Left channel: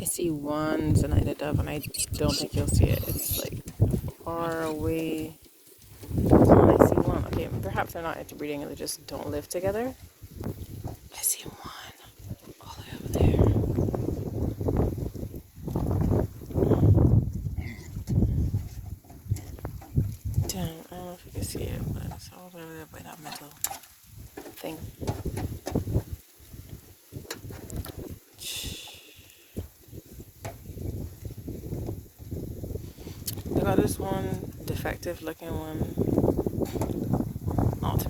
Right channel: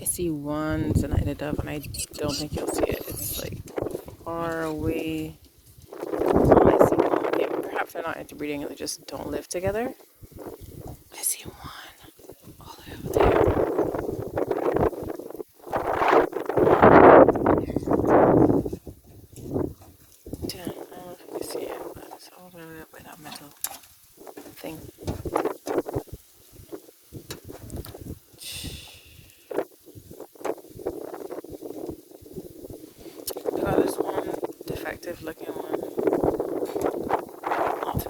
I see one Zenaida dove, and I don't think you'll see it. It's like far away. Oh, I see one. Okay, perhaps they're not interbreeding, they just don't live together. I see one all the way over there. Damn, I don't know if you can see it, but it's all the way over there by that metal thing. I got this one defective looking one. Not to